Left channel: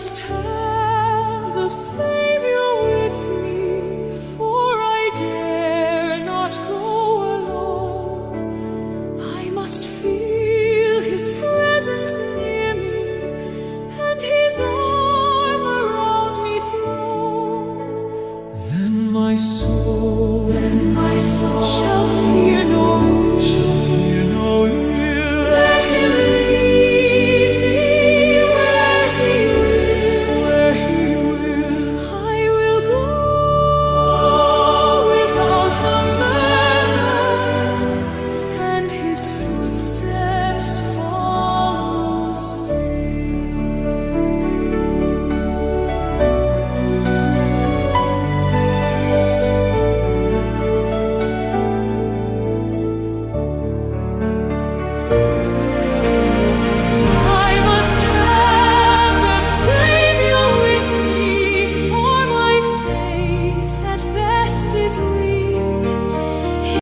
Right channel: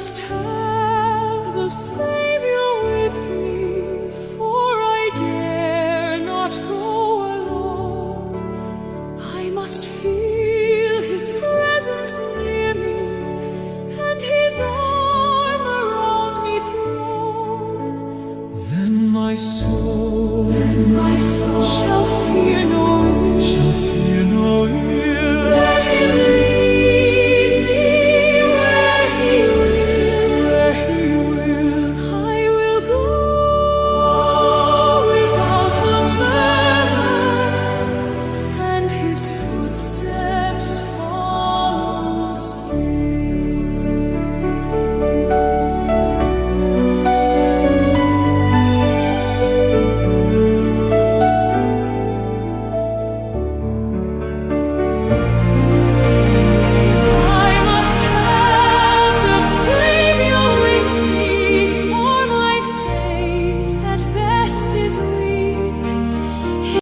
must have the Savior with me, for I dare not go alone. I must feel His presence near me, and His arm around me thrown. Then my soul shall